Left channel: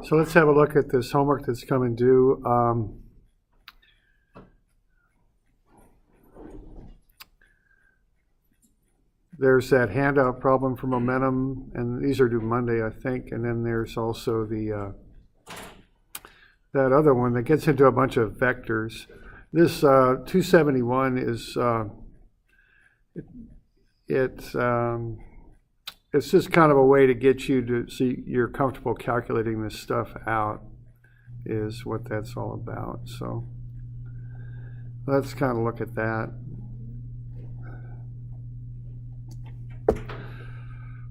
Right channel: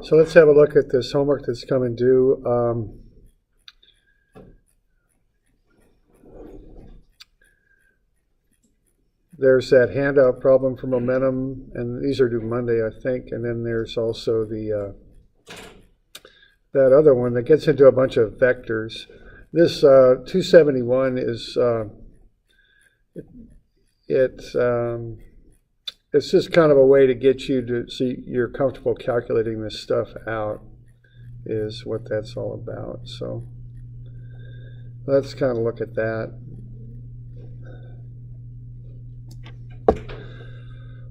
So let's have a look at this homework that's coming due. There's that handout problem for momentum, and these are due Monday, I think. And then there's also the that other one that gets into a bunch of vectors. This 271 is it's just kind of a way to get you to see you're comfortable calculating this stuff out, is what that's all about. So let's kind of look at that.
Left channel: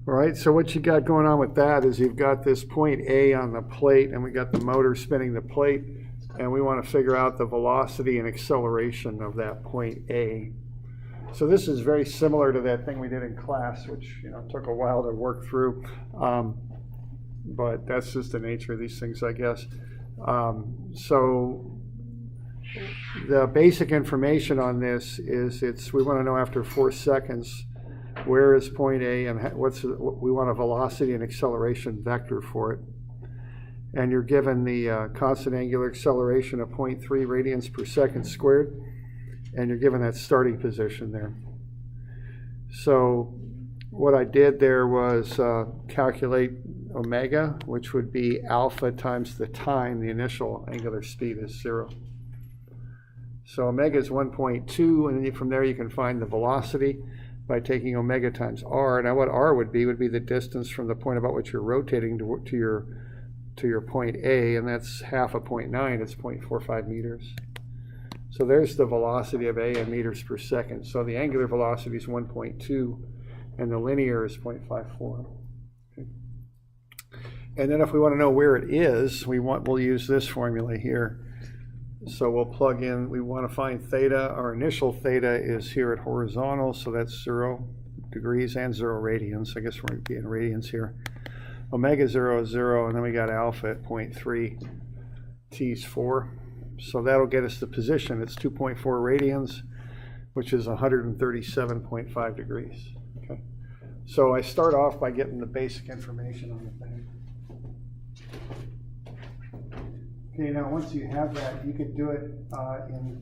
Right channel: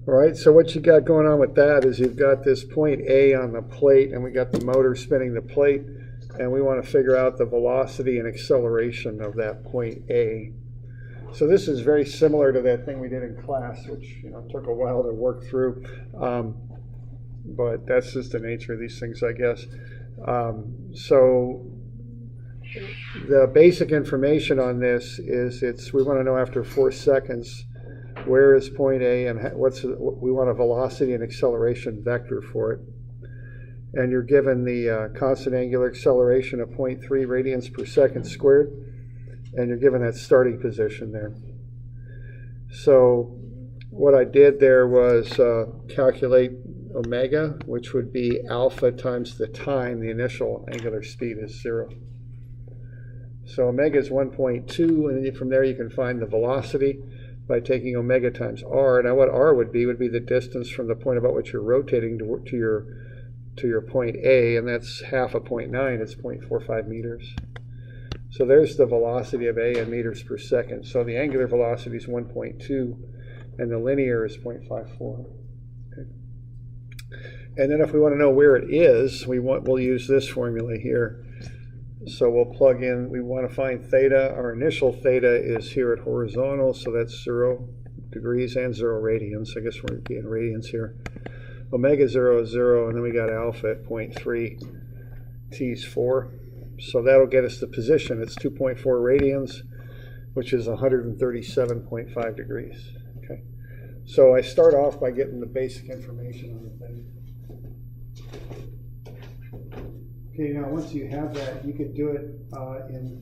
All right, so what you got going on with that is you've got this point A on the plate, and we got the motor spinning the plate, and we want to figure out the velocity and acceleration of that point A. So this is very similar to that thing we did in class, which took a while to work through, but that's just the nature of these things, I guess. So the basic information on this is we want to know after 4 seconds where is point A and we want a velocity and acceleration vector for it. And you're given the constant angular acceleration of 0.3 radians per second squared, and you're given that starting position there. So what I did there was calculate omega, which would be alpha times the time. The initial angular speed is 0. So omega is 1.2, and then from there you can find the velocity by taking omega times r. Now what r would be the distance from the point about which you're rotating to your point A, and that's half of 0.9, it's 0.45 meters. So there's the velocity of A in meters per second. So the angular velocity is 1.2, and the linear is 0.54. Okay. And then if we want to know where it is, we'll use this formula here. So we'll plug in, we want to find theta. Our initial theta is here at horizontal, so that's 0 degrees and 0 radians. I guess we're going to be in radians here. Omega 0 is 0, and then we got alpha at 0.3, t is 4. So that'll get us the position. It's 2.4 radians, which is 137.5 degrees. Okay. So I start off by getting the basic information on the thing. Okay, now once you have that, you could do it in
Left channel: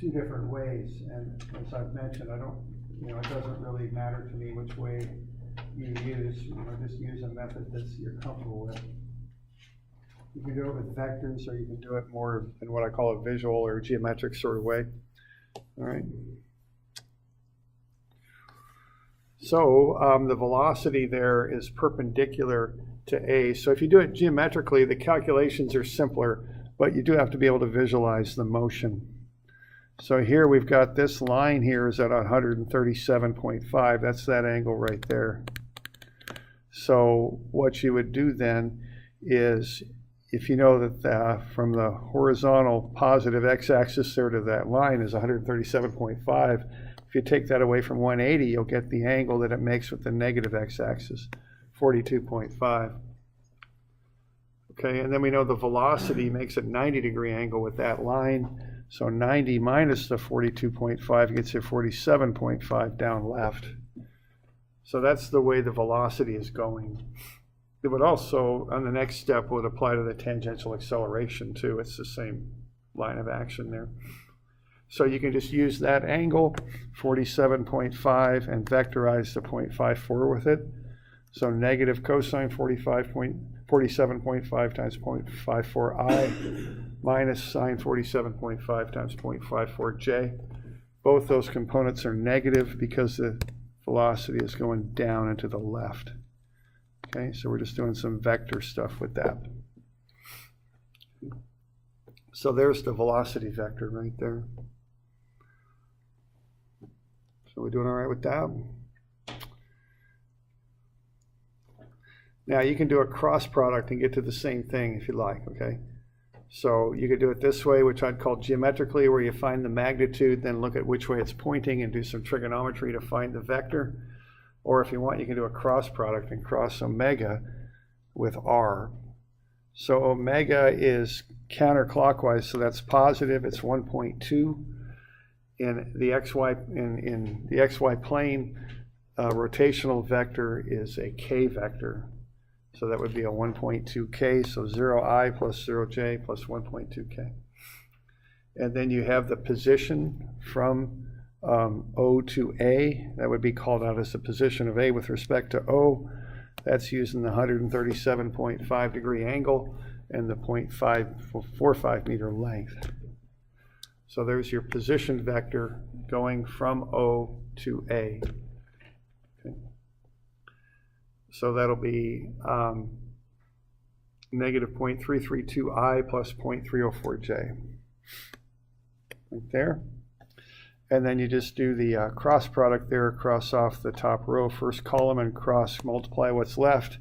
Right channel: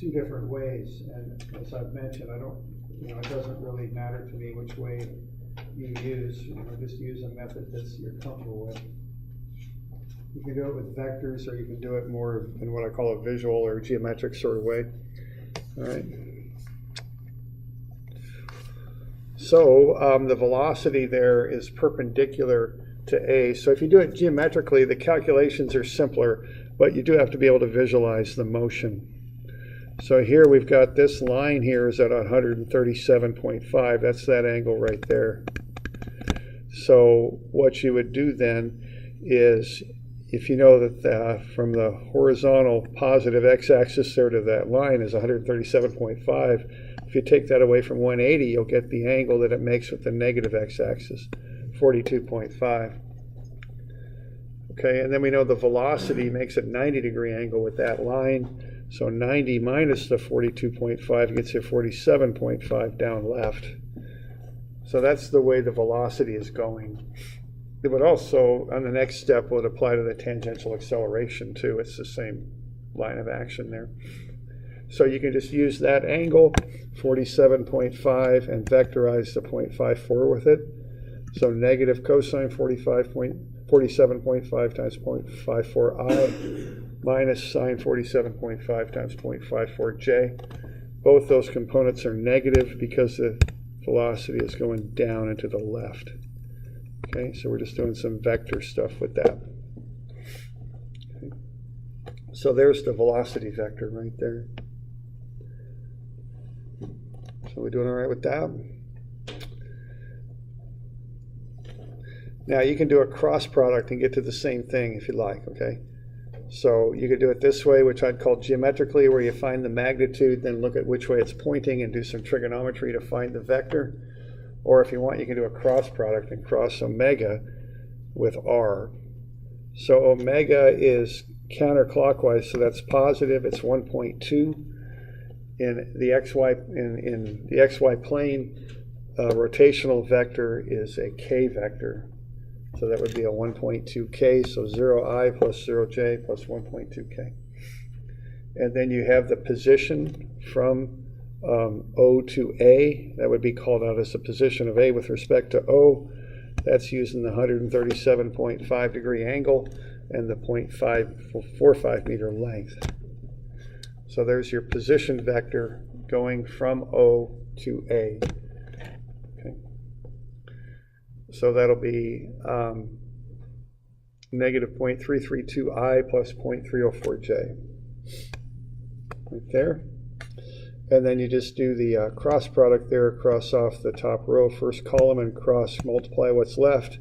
2 different ways. And as I've mentioned, it doesn't really matter to me which way you use. Just use a method that you're comfortable with. You can do it with vectors, or you can do it more in what I call a visual or geometric sort of way. All right. So the velocity there is perpendicular to A. So if you do it geometrically, the calculations are simpler, but you do have to be able to visualize the motion. So here we've got this line here is at 137.5. That's that angle right there. So what you would do then is, if you know that from the horizontal positive x-axis there to that line is 137.5, if you take that away from 180, you'll get the angle that it makes with the negative x-axis, 42.5. Okay, and then we know the velocity makes a 90-degree angle with that line. So 90 minus the 42.5 gets you 47.5 down left. So that's the way the velocity is going. It would also, on the next step, would apply to the tangential acceleration too. It's the same line of action there. So you can just use that angle, 47.5, and vectorize the 0.54 with it. So negative cosine 47.5 times 0.54i minus sine 47.5 times 0.54j. Both those components are negative because the velocity is going down and to the left. Okay, so we're just doing some vector stuff with that. Okay. So there's the velocity vector right there. So we're doing all right with that. Now you can do a cross product and get to the same thing if you like, okay? So you could do it this way, which I'd call geometrically, where you find the magnitude, then look at which way it's pointing and do some trigonometry to find the vector. Or if you want, you can do a cross product and cross omega with r. So omega is counterclockwise, so that's positive. It's 1.2. In the xy plane, rotational vector is a k vector. So that would be a 1.2k, so 0i plus 0j plus 1.2k. And then you have the position from O to A. That would be called out as the position of A with respect to O. That's using the 137.5 degree angle and the 0.545 meter length. So there's your position vector going from O to A. Okay. So that'll be negative 0.332i plus 0.304j. Right there. And then you just do the cross product there, cross off the top row, first column, and cross multiply what's left.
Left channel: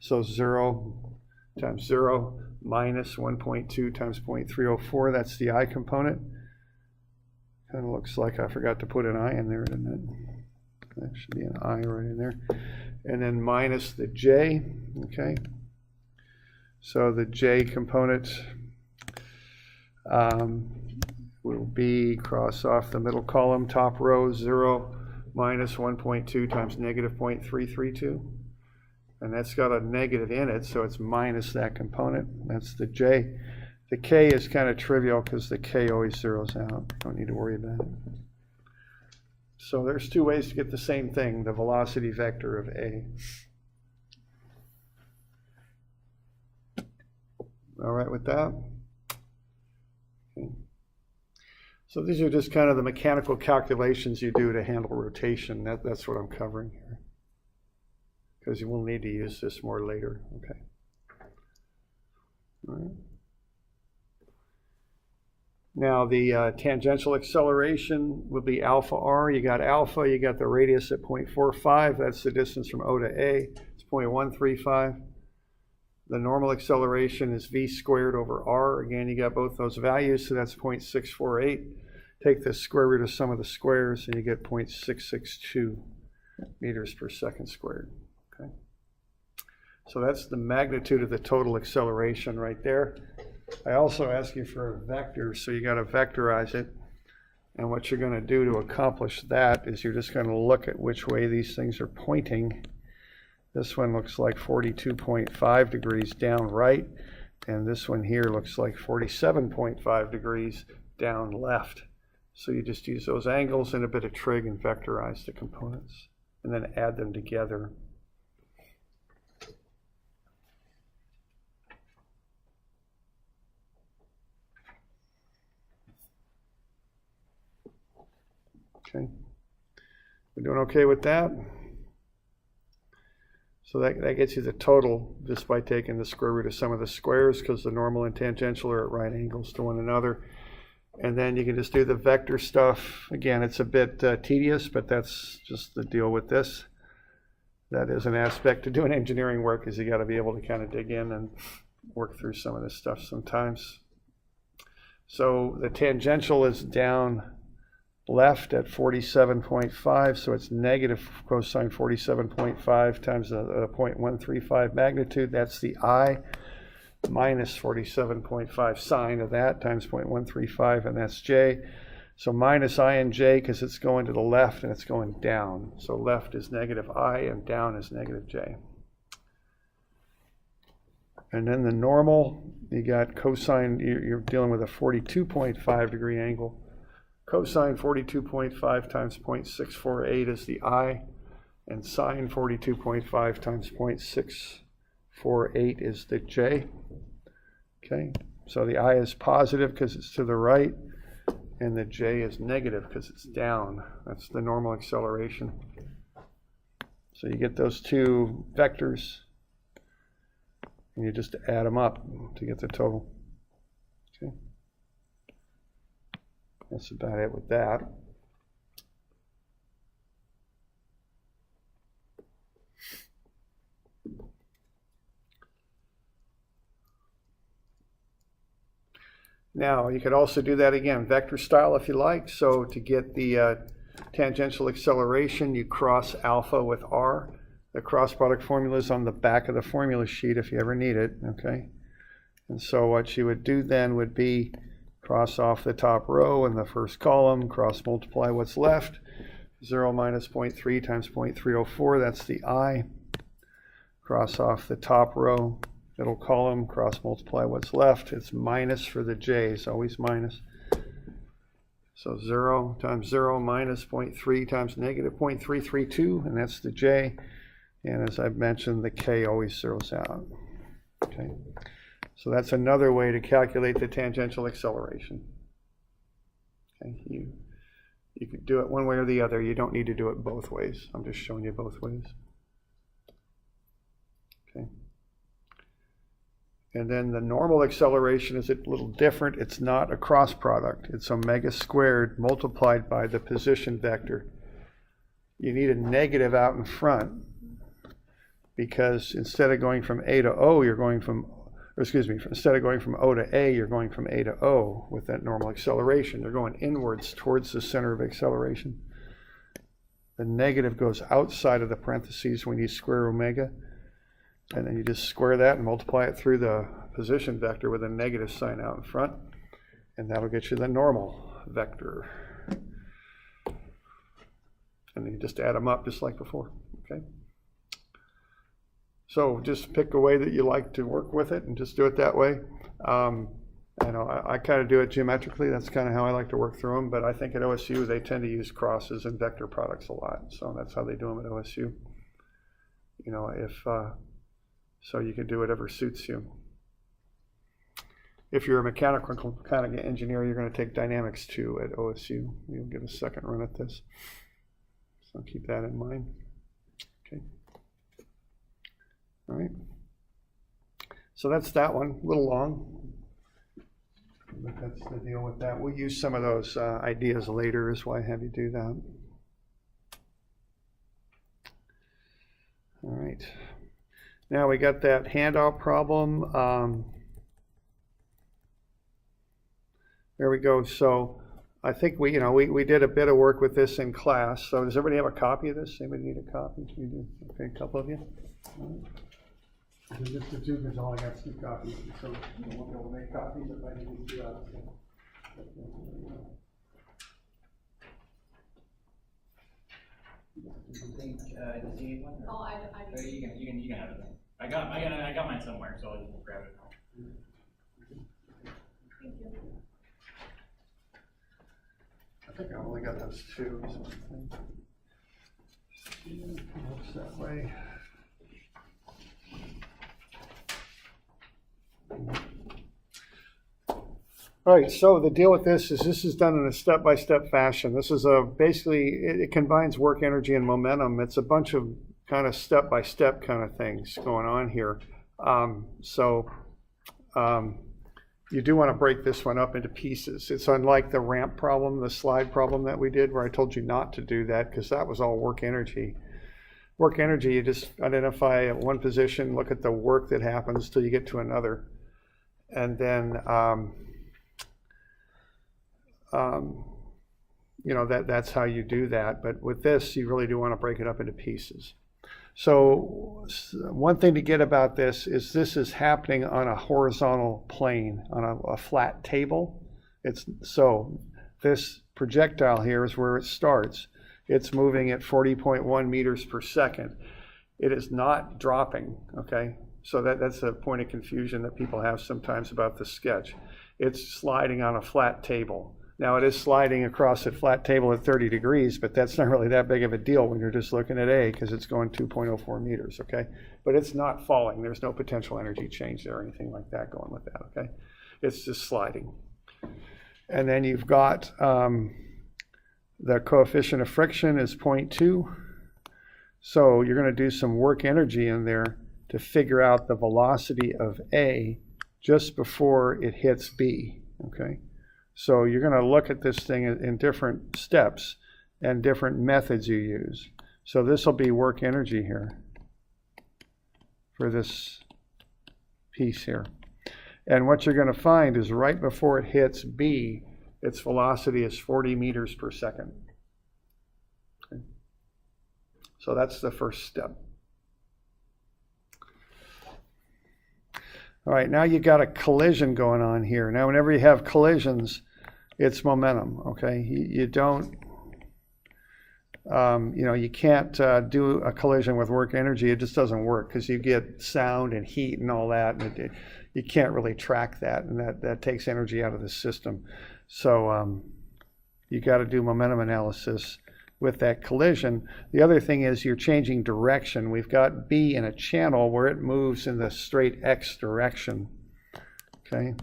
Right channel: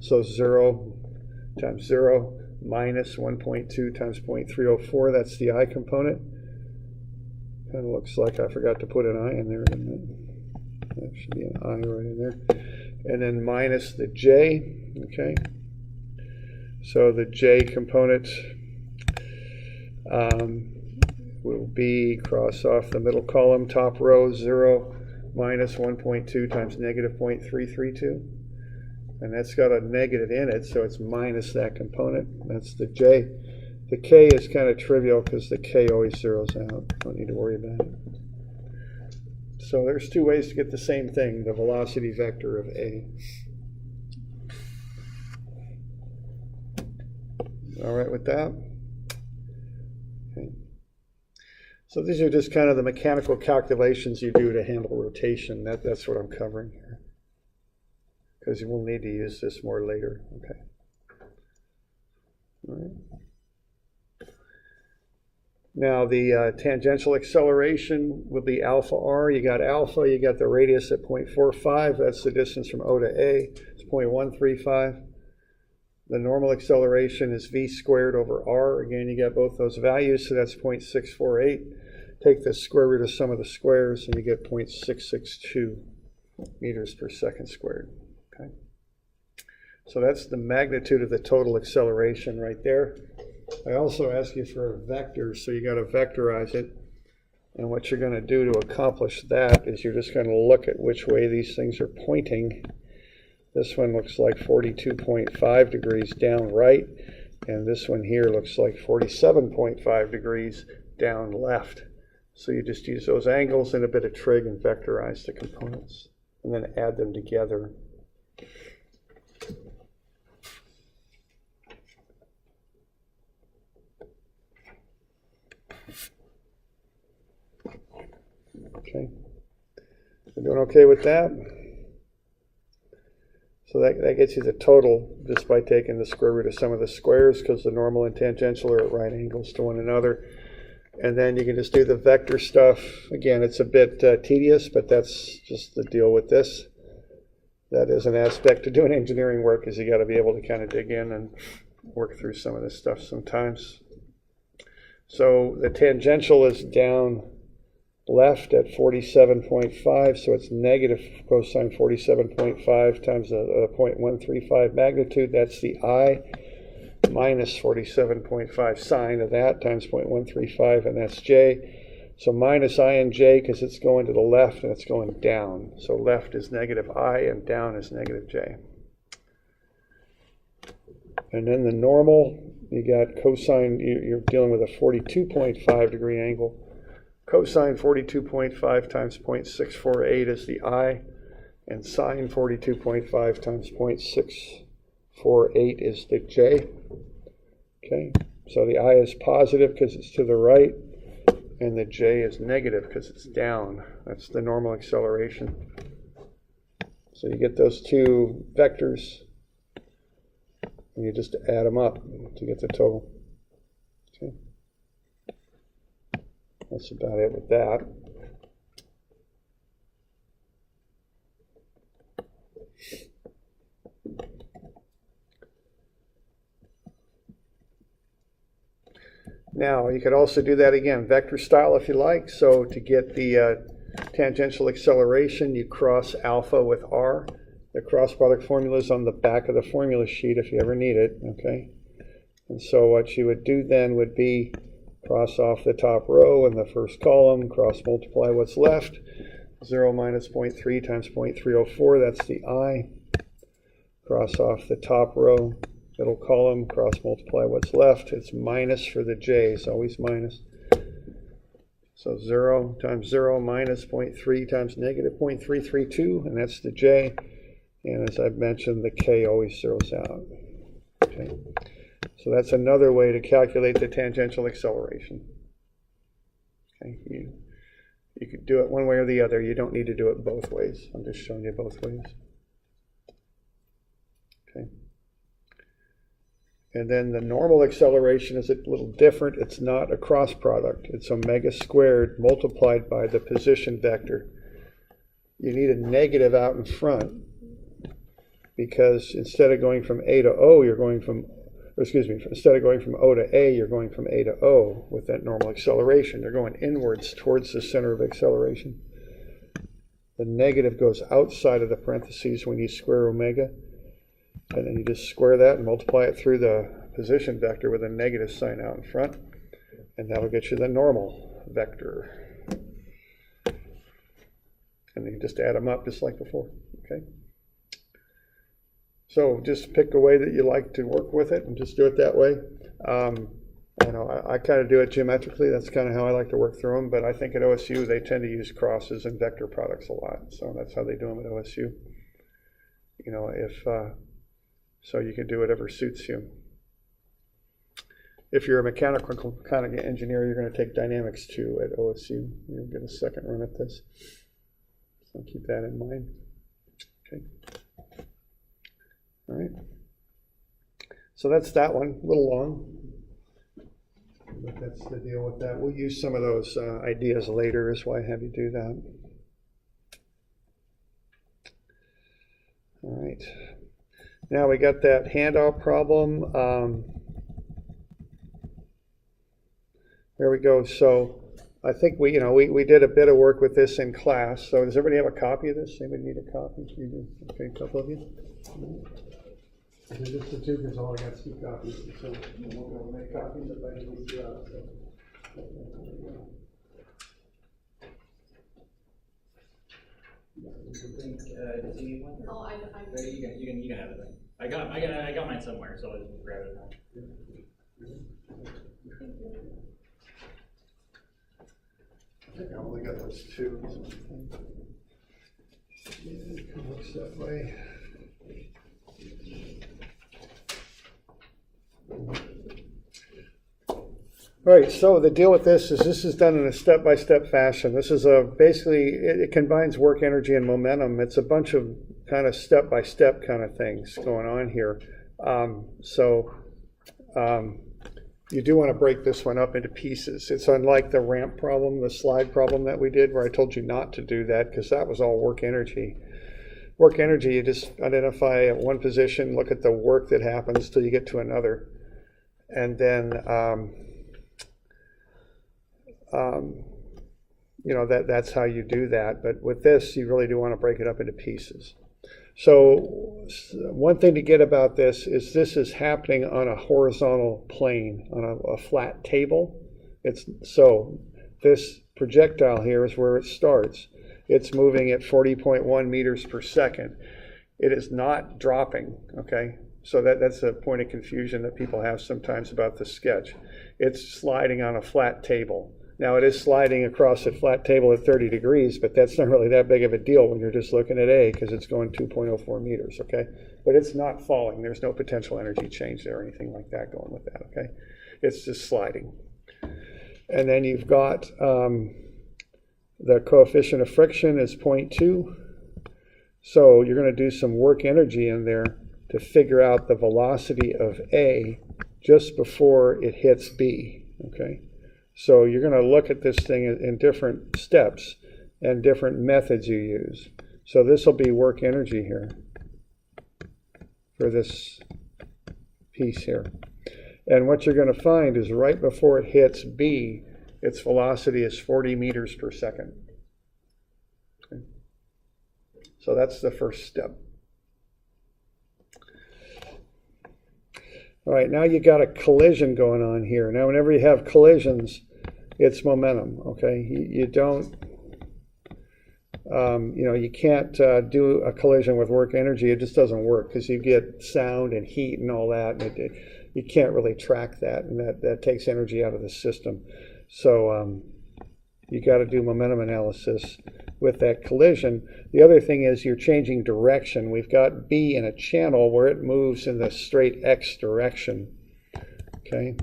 So 0 times 0 minus 1.2 times 0.304, that's the I component. Kind of looks like I forgot to put an I in there, didn't it? That should be an I right in there. And then minus the J, okay? So the J component will be cross off the middle column, top row, 0 minus 1.2 times negative 0.332. And that's got a negative in it, so it's minus that component. That's the J. The K is kind of trivial because the K always zeroes out. Don't need to worry about it. So there's two ways to get the same thing, the velocity vector of A. All right with that? Okay. So these are just kind of the mechanical calculations you do to handle rotation. That's what I'm covering here, because you will need to use this more later. Okay. All right. Now the tangential acceleration will be alpha r. You got alpha, you got the radius at 0.45. That's the distance from O to A. It's 0.135. The normal acceleration is v squared over r. Again, you got both those values, so that's 0.648. Take the square root of sum of the squares, and you get 0.662 meters per second squared. Okay. So that's the magnitude of the total acceleration right there. I also ask you for a vector, so you got to vectorize it. And what you're going to do to accomplish that is you're just going to look at which way these things are pointing. This one looks like 42.5 degrees down right, and this one here looks like 47.5 degrees down left. So you just use those angles and a bit of trig and vectorize the components, and then add them together. Okay, we're doing okay with that? So that gets you the total just by taking the square root of sum of the squares, because the normal and tangential are at right angles to one another. And then you can just do the vector stuff. Again, it's a bit tedious, but that's just the deal with this. That is an aspect to doing engineering work, is you got to be able to kind of dig in and work through some of this stuff sometimes. So the tangential is down left at 47.5, so it's negative cosine 47.5 times the 0.135 magnitude. That's the I, minus 47.5 sine of that times 0.135, and that's J. So minus I and J, because it's going to the left and it's going down. So left is negative I and down is negative J. And then the normal, you got cosine, you're dealing with a 42.5 degree angle. Cosine 42.5 times 0.648 is the I, and sine 42.5 times 0.648 is the J. Okay, so the I is positive because it's to the right, and the J is negative because it's down. That's the normal acceleration. So you get those two vectors, and you just add them up to get the total. Okay. That's about it with that. Now, you could also do that again, vector style if you like. So to get the tangential acceleration, you cross alpha with r. The cross product formula is on the back of the formula sheet if you ever need it, okay? And so what you would do then would be cross off the top row in the first column, cross multiply what's left. 0 minus 0.3 times 0.304, that's the I. cross off the top row, middle column, cross multiply what's left. It's minus for the j's, always minus. So 0 times 0 minus 0.3 times negative 0.332, and that's the j. And as I've mentioned, the k always zeroes out. Okay. So that's another way to calculate the tangential acceleration. Okay. You could do it one way or the other. You don't need to do it both ways. I'm just showing you both ways. Okay. And then the normal acceleration is a little different. It's not a cross product. It's omega squared multiplied by the position vector. You need a negative out in front because instead of going from A to O, you're going from, or excuse me, instead of going from O to A, you're going from A to O with that normal acceleration. You're going inwards towards the center of acceleration. The negative goes outside of the parentheses when you square omega. And then you just square that and multiply it through the position vector with a negative sign out in front. And that'll get you the normal vector. And then you just add them up just like before. Okay. So just pick a way that you like to work with it and just do it that way. I kind of do it geometrically. That's kind of how I like to work through them. But I think at OSU, they tend to use crosses and vector products a lot. So that's how they do them at OSU. So you can do whatever suits you. If you're a mechanical kind of engineer, you're going to take dynamics too at OSU. You'll get a second run at this. So keep that in mind. Okay. All right. So that's that one. A little long. But that's the deal with that. We'll use some of those ideas later is why I have you do that. All right. Now we got that handout problem. There we go. So I think we did a bit of work with this in class. So does everybody have a copy of this? Anybody need a copy? You do? Okay, a couple of you. Just the two, because all I got is 2 copies. So you won't be able to make copies if I need to. Does he need one? Oh, I You can have it then. I got mine somewhere, so I'll just grab it now. Thank you. I think I only got those 2. So it looks that way. All right, so the deal with this is done in a step-by-step fashion. This is basically, it combines work energy and momentum. It's a bunch of kind of step-by-step kind of things going on here. You do want to break this one up into pieces. It's unlike the ramp problem, the slide problem that we did, where I told you not to do that because that was all work energy. Work energy, you just identify at one position, look at the work that happens till you get to another. And then, that's how you do that. But with this, you really do want to break it up into pieces. So one thing to get about this is happening on a horizontal plane, on a flat table. So this projectile here is where it starts. It's moving at 40.1 meters per second. It is not dropping, okay? So that's a point of confusion that people have sometimes about the sketch. It's sliding on a flat table. Now it is sliding across a flat table at 30 degrees, but that's not really that big of a deal when you're just looking at A because it's going 2.04 meters, okay? But it's not falling. There's no potential energy change there or anything like that going with that, okay? It's just sliding. And then you've got the coefficient of friction is 0.2. So you're going to do some work energy in there to figure out the velocity of A just before it hits B, okay? So you're going to look at this thing in different steps and different methods you use. So this will be work energy here for this piece here. And what you're going to find is right before it hits B, its velocity is 40 meters per second. Okay. So that's the first step. All right, now you got a collision going on here. Now, whenever you have collisions, it's momentum, okay? You don't You can't do a collision with work energy. It just doesn't work because you get sound and heat and all that. And you can't really track that, and that takes energy out of the system. So you got to do momentum analysis with that collision. The other thing is you're changing direction. We've got B in a channel where it moves in the straight X direction. Okay.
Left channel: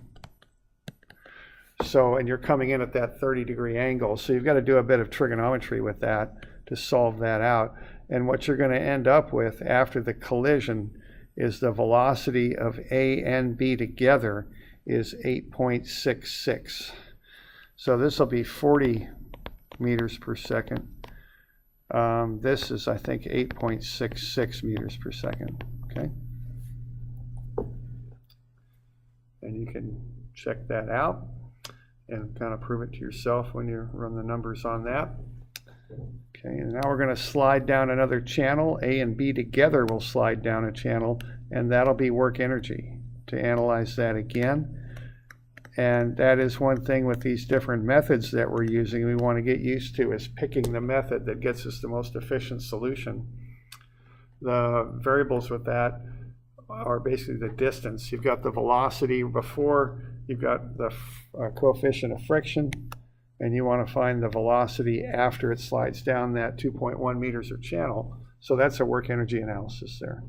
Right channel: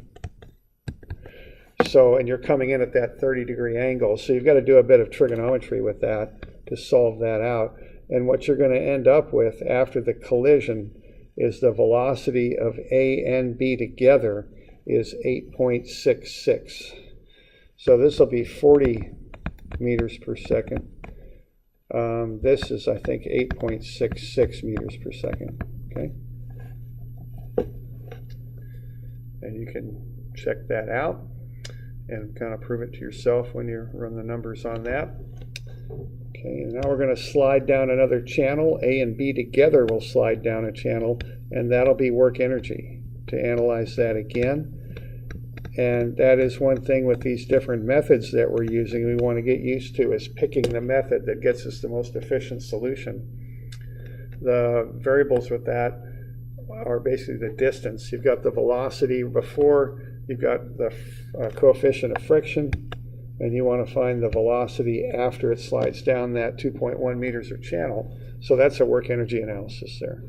So, and you're coming in at that 30-degree angle. So you've got to do a bit of trigonometry with that to solve that out. And what you're going to end up with after the collision is the velocity of A and B together is 8.66. So this will be 40 meters per second. This is, I think, 8.66 meters per second. Okay. And you can check that out and kind of prove it to yourself when you run the numbers on that. Okay, and now we're going to slide down another channel. A and B together will slide down a channel, and that'll be work energy. To analyze that again. And that is one thing with these different methods that we're using we want to get used to, is picking the method that gets us the most efficient solution. The variables with that are basically the distance. You've got the velocity before, you've got the coefficient of friction, and you want to find the velocity after it slides down that 2.1 meters of channel. So that's a work energy analysis there.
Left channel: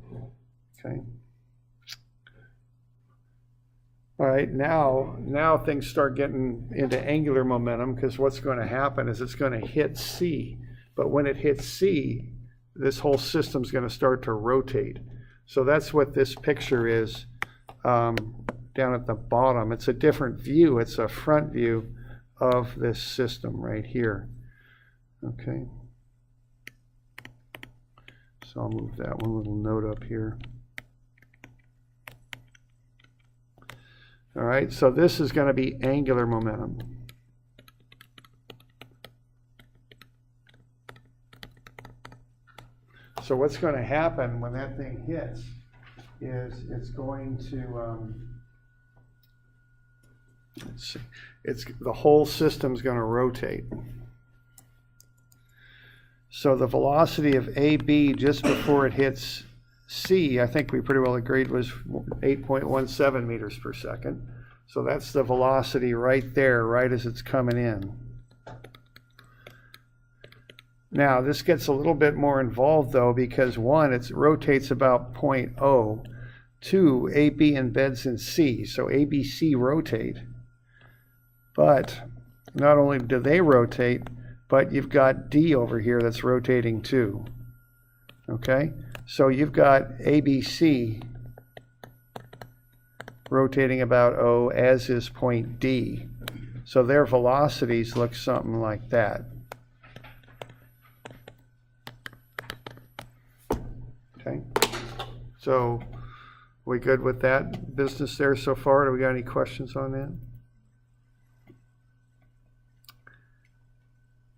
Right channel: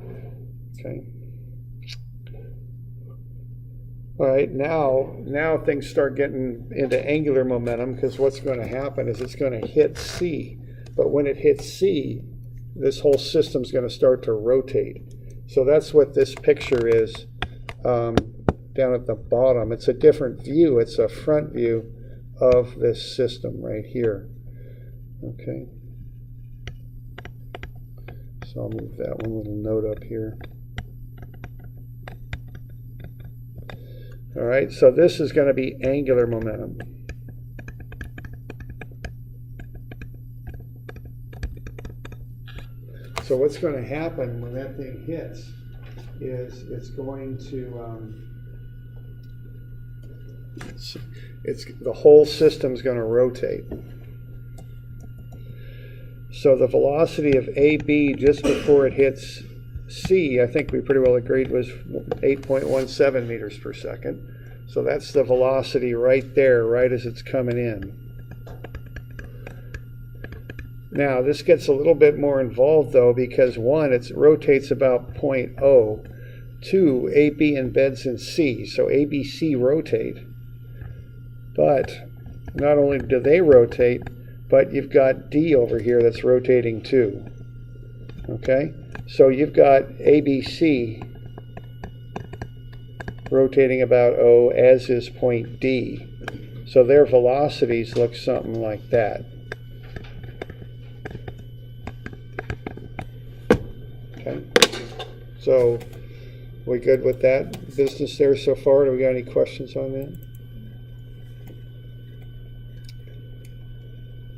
Okay. All right, now things start getting into angular momentum, because what's going to happen is it's going to hit C. But when it hits C, this whole system's going to start to rotate. So that's what this picture is down at the bottom. It's a different view. It's a front view of this system right here. Okay. So I'll move that one little note up here. All right, so this is going to be angular momentum. So what's going to happen when that thing hits is it's going to, the whole system's going to rotate. So the velocity of AB just before it hits C, I think we pretty well agreed, was 8.17 meters per second. So that's the velocity right there, right as it's coming in. Now, this gets a little bit more involved, though, because one, it rotates about 0.0. Two, AB embeds in C, so ABC rotate. But not only do they rotate, but you've got D over here that's rotating too. Okay? So you've got ABC rotating about O, as is point D. So their velocities look something like that. Okay. So we good with that business there so far? Do we got any questions on that?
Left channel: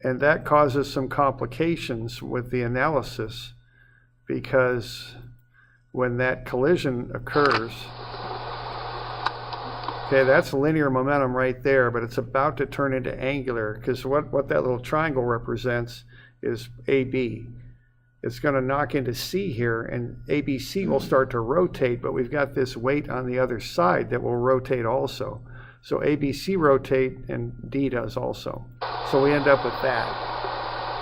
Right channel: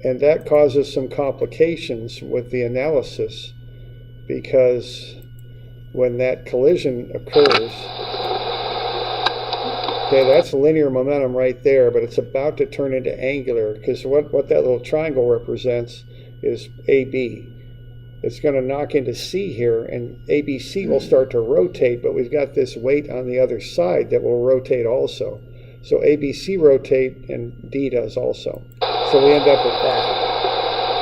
And that causes some complications with the analysis, because when that collision occurs, okay, that's linear momentum right there, but it's about to turn into angular, because what that little triangle represents is AB. It's going to knock into C here, and ABC will start to rotate, but we've got this weight on the other side that will rotate also. So ABC rotate, and D does also. So we end up with that.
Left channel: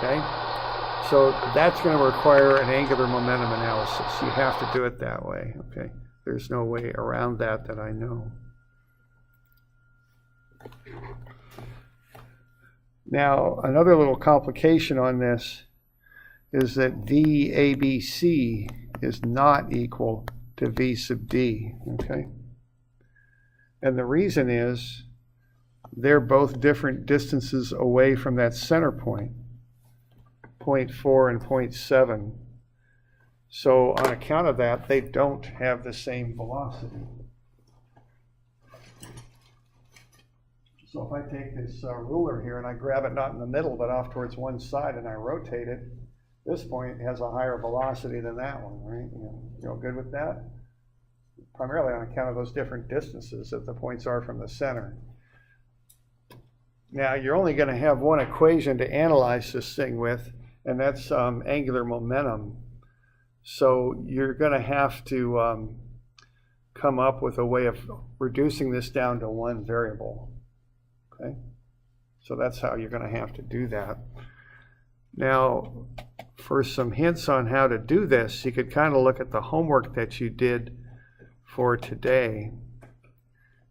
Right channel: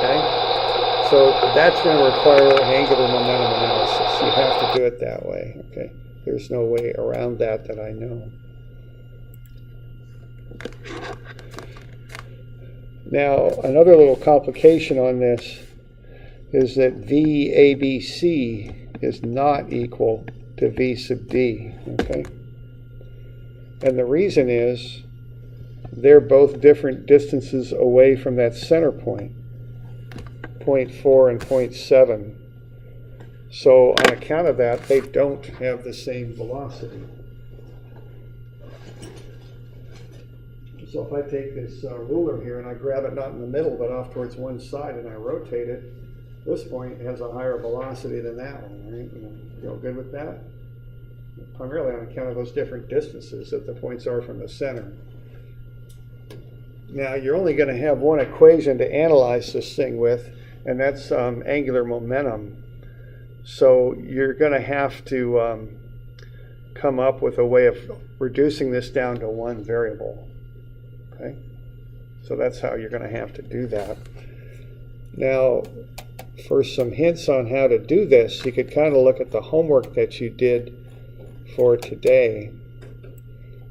Okay? So that's going to require an angular momentum analysis. You have to do it that way. Okay? There's no way around that I know. Now, another little complication on this is that VABC is not equal to V sub D. Okay? And the reason is they're both different distances away from that center point, 0.4 and 0.7. So on account of that, they don't have the same velocity. So if I take this ruler here and I grab it not in the middle but off towards one side and I rotate it, this point has a higher velocity than that one, right? You all good with that? Primarily on account of those different distances that the points are from the center. Now, you're only going to have one equation to analyze this thing with, and that's angular momentum. So you're going to have to come up with a way of reducing this down to one variable. Okay? So that's how you're going to have to do that. Now, for some hints on how to do this, you could kind of look at the homework that you did for today.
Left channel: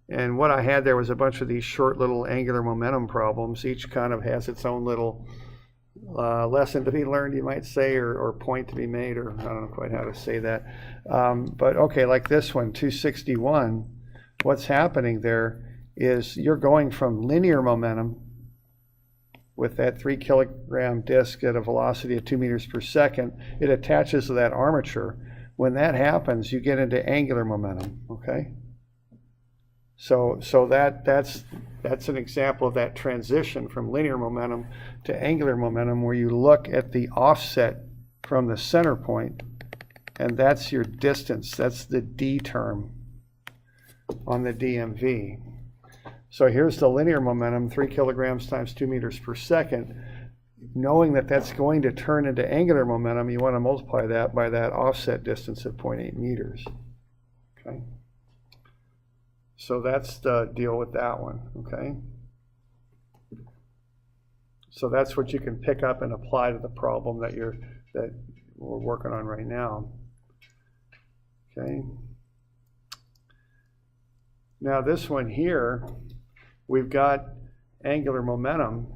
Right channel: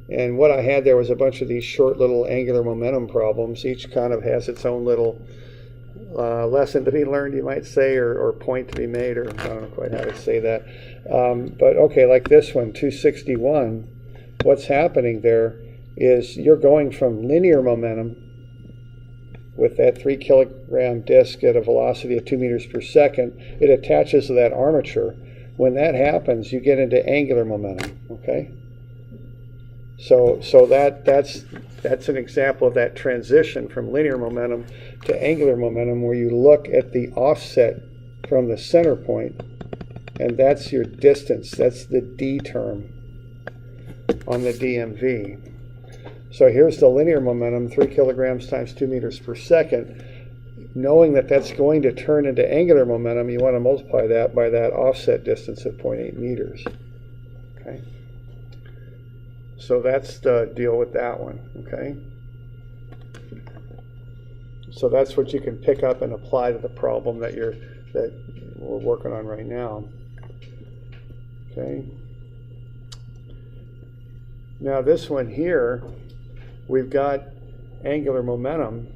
And what I had there was a bunch of these short little angular momentum problems. Each kind of has its own little lesson to be learned, you might say, or point to be made, or I don't know quite how to say that. But okay, like this one, 261, what's happening there is you're going from linear momentum with that 3 kilogram disc at a velocity of 2 meters per second. It attaches to that armature. When that happens, you get into angular momentum, okay? So that's an example of that transition from linear momentum to angular momentum, where you look at the offset from the center point, and that's your distance. That's the D term on the DMV. So here's the linear momentum, 3 kilograms times 2 meters per second. Knowing that that's going to turn into angular momentum, you want to multiply that by that offset distance of 0.8 meters. Okay. So that's the deal with that one, okay? So that's what you can pick up and apply to the problem that we're working on right now. Okay. Now this one here, we've got angular momentum,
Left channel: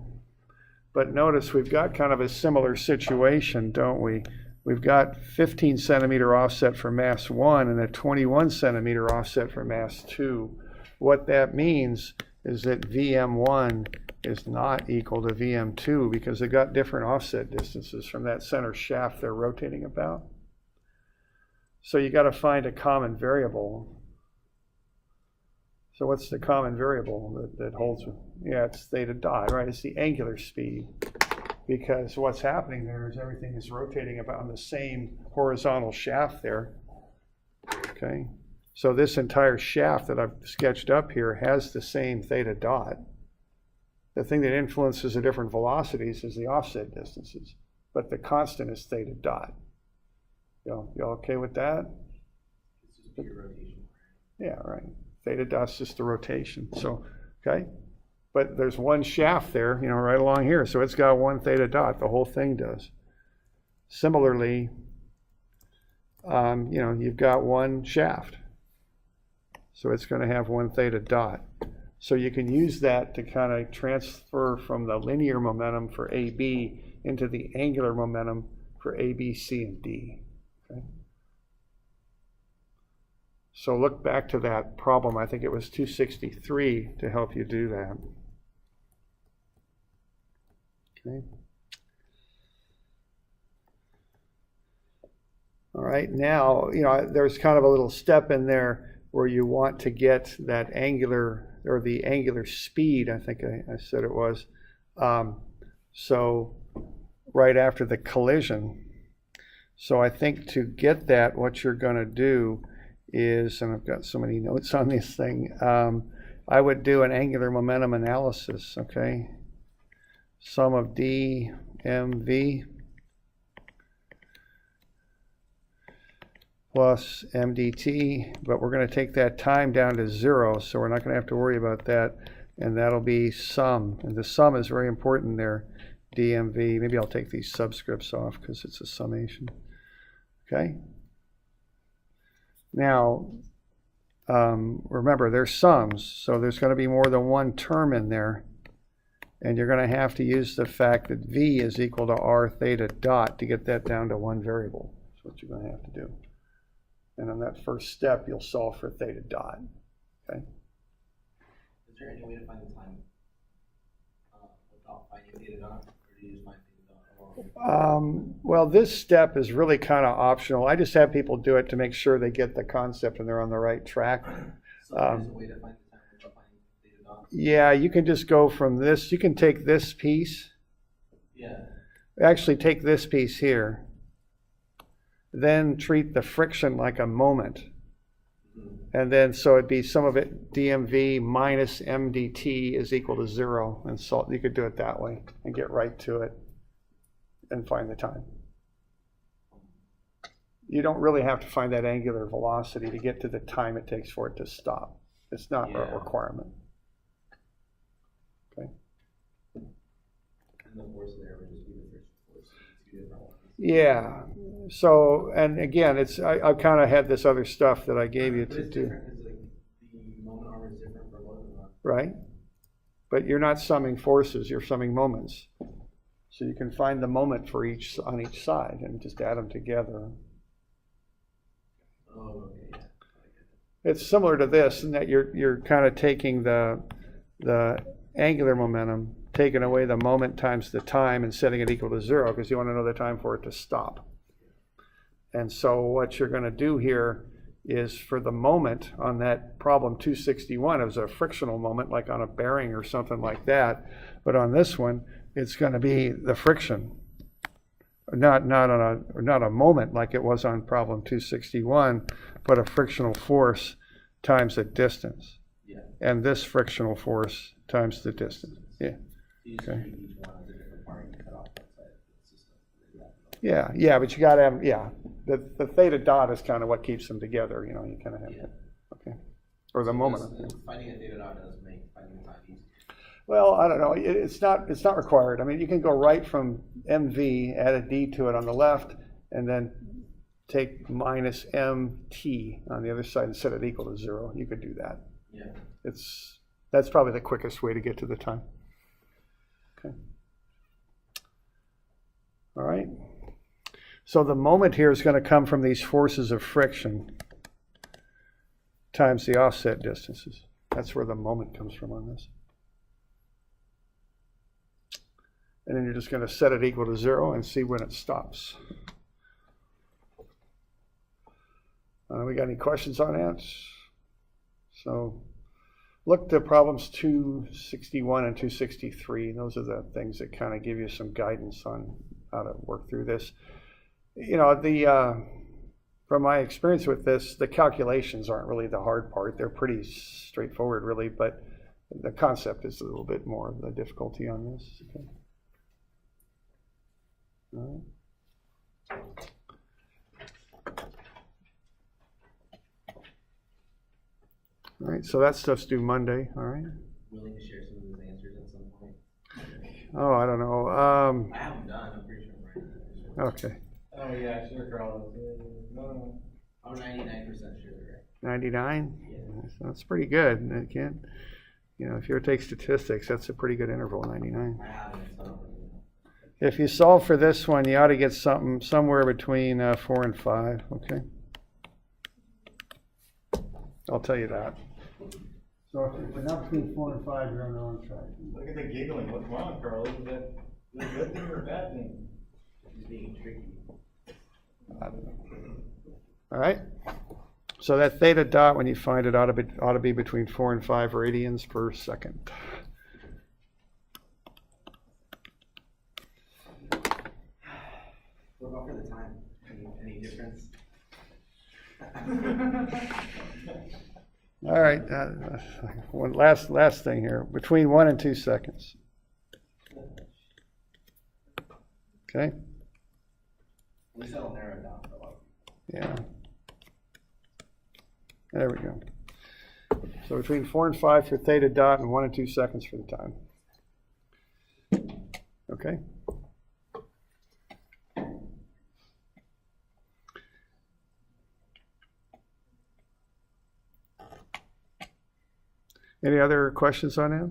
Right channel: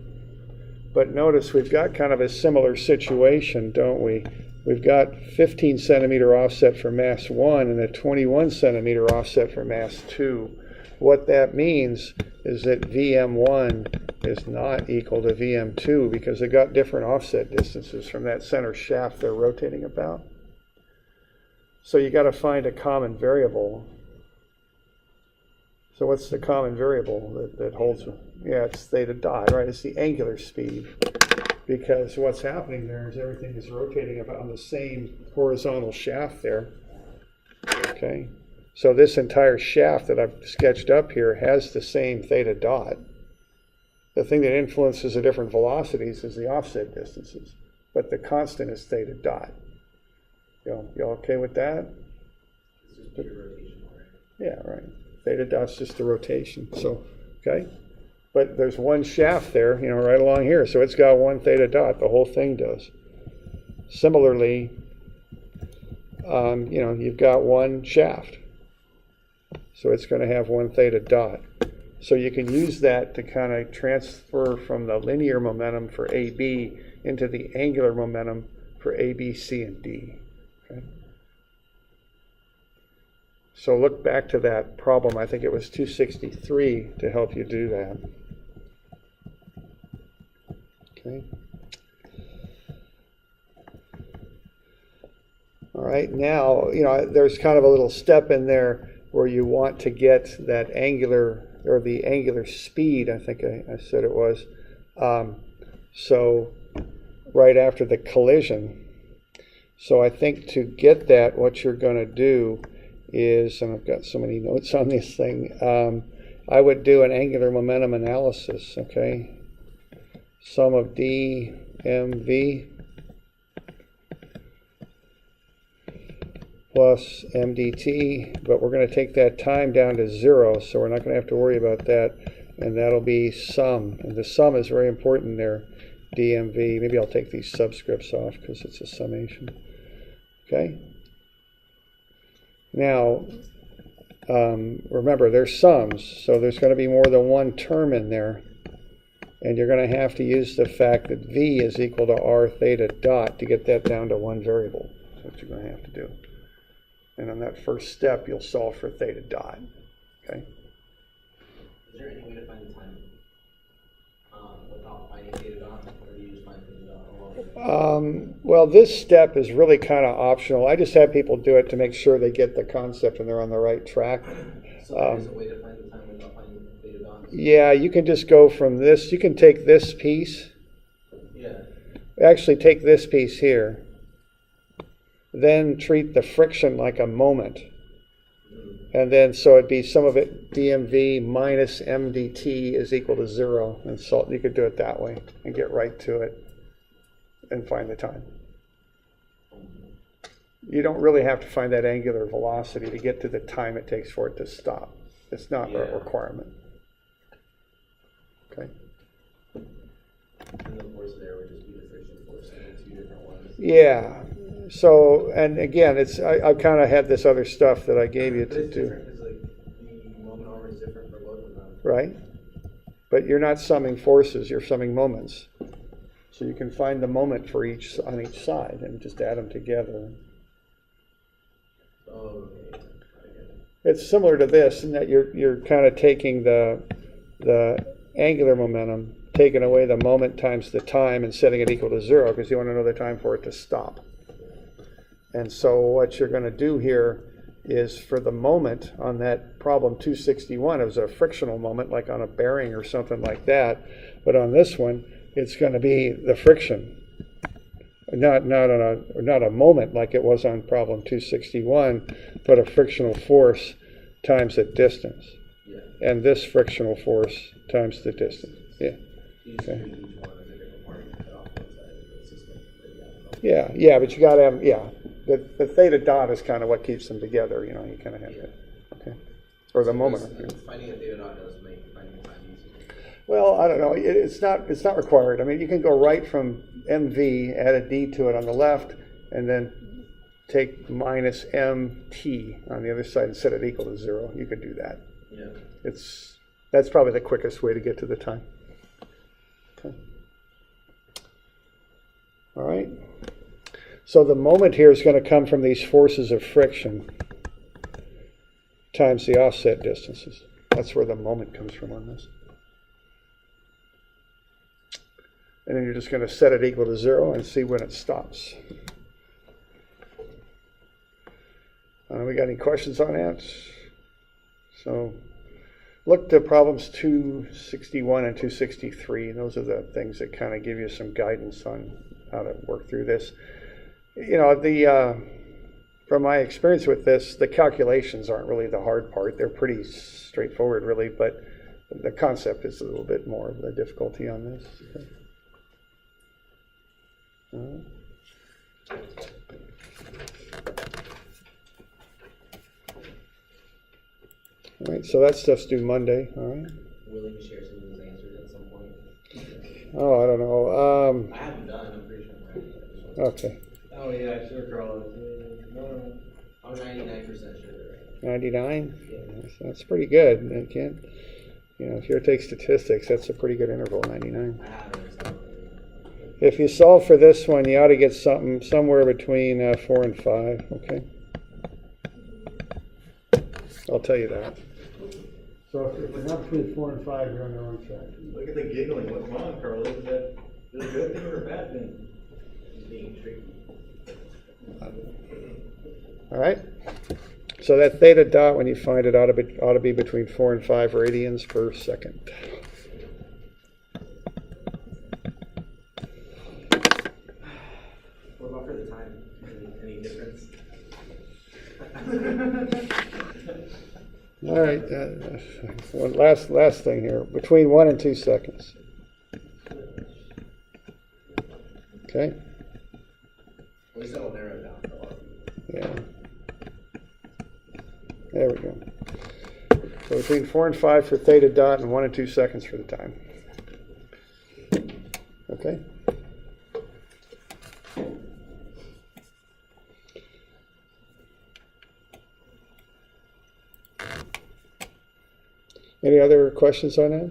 but notice we've got kind of a similar situation, don't we? We've got 15 centimeter offset for mass 1 and a 21 centimeter offset for mass 2. What that means is that VM1 is not equal to VM2 because they've got different offset distances from that center shaft they're rotating about. So you got to find a common variable. So what's the common variable that holds? Yeah, it's theta dot, right? It's the angular speed. Because what's happening there is everything is rotating about on the same horizontal shaft there. Okay, so this entire shaft that I've sketched up here has the same theta dot. The thing that influences the different velocities is the offset distances, but the constant is theta dot. You okay with that? It's just pure rotation, right? Yeah, right. Theta dot's just the rotation. So, okay. But there's one shaft there, right along here. So it's got one theta dot. The whole thing does. Similarly, you've got one shaft. So it's going to have one theta dot. So you can use that to kind of transfer from the linear momentum for AB into the angular momentum for A, B, C, and D. Okay? So look back to that problem. I think it was 263 to help you do that. Okay. All right, now, there's kind of a little step in there where you want to get that angular, or the angular speed, I think I said it was. So right after the collision. So I think to get that, what you're going to do is, and I've got so many notes on this thing, I would do an angular momentum analysis, okay? Sum of dmv plus mdt, but we're going to take that time down to 0, so we're not going to have to worry about that, and that'll be sum. And the sum is very important there, dmv. Maybe I'll take these subscripts off because it's a summation. Okay? Now, remember, they're sums, so there's going to be more than one term in there. And you're going to have to use the fact that V is equal to R theta dot to get that down to one variable. That's what you're going to have to do. And on that first step, you'll solve for theta dot. Okay? Is there any way to find the time without finding theta dot, or do you just find theta dot? Well, this step is really kind of optional. I just have people do it to make sure they get the concept and they're on the right track. So there is a way to find the time without finding theta dot? Yeah, you can just go from this. You can take this piece. Yeah. Actually, take this piece here. Then treat the friction like a moment. And then, so it'd be some of it dmv minus mdt is equal to 0. And so you could do it that way and get right to it. and find the time. You don't really have to find that angular velocity to get to the time it takes for it to stop. It's not a requirement. Okay. And the force there would just be the friction force, so the two different ones. Yeah. So, and again, I kind of had this other stuff that I gave you But to it's do. different, because like, the moment armor is different for both of them. Right? But you're not summing forces, you're summing moments. So you can find the moment for each on each side and just add them together. Oh, okay. I get it. It's similar to this in that you're kind of taking the angular momentum, taking away the moment times the time and setting it equal to 0 because you want to know the time for it to stop. And so what you're going to do here is for the moment on that problem 261, it was a frictional moment like on a bearing or something like that. But on this one, it's going to be the friction. Not a moment like it was on problem 261, but a frictional force times the distance. Yeah. And this frictional force times the distance. Yeah. You just Okay. treat each one as a different part and cut off one side of the system. Yeah, but you got to have, the theta dot is kind of what keeps them together, you kind of have that. Okay. Or the moment. Does finding a theta dot does make finding time easier. Well, I don't know. It's not required. I mean, you can go right from MV, add a D to it on the left, and then take minus MT on the other side and set it equal to 0. You could do that. Yeah. That's probably the quickest way to get to the time. Okay. All right. So the moment here is going to come from these forces of friction times the offset distances. That's where the moment comes from on this. And then you're just going to set it equal to 0 and see when it stops. We got any questions on that? So look to problems 261 and 263. Those are the things that kind of give you some guidance on how to work through this. From my experience with this, the calculations aren't really the hard part. They're pretty straightforward, really, but the concept is a little bit more of the difficulty on this. Okay. All right, so that stuff's due Monday, all right? Willing to share some of those answers at some point? Oh, I don't know. I haven't done, I'm pretty sure I'm right. Okay, Oh, yeah, sure, Carl. No. I'm 99% sure they're right. 99? Yeah. So that's pretty good. And again, if you take statistics, that's a pretty good interval, 99. I haven't, so. If you solve for this one, you ought to get something somewhere between 4 and 5, okay? I'll tell you that. So if it's not between 4 and 5, you're on the wrong track. Look at the giggling. What's wrong, Carl? Is that a good thing or a bad thing? He's being tricky. All right? So that theta dot, when you find it, ought to be between 4 and 5 radians per second. What about for the time? Any difference? All right, one last thing here, between 1 and 2 seconds. Okay? At least that'll narrow it down for a lot of people. Yeah. There we go. So between 4 and 5 for theta dot and 1 and 2 seconds for the time. Okay? Any other questions on that?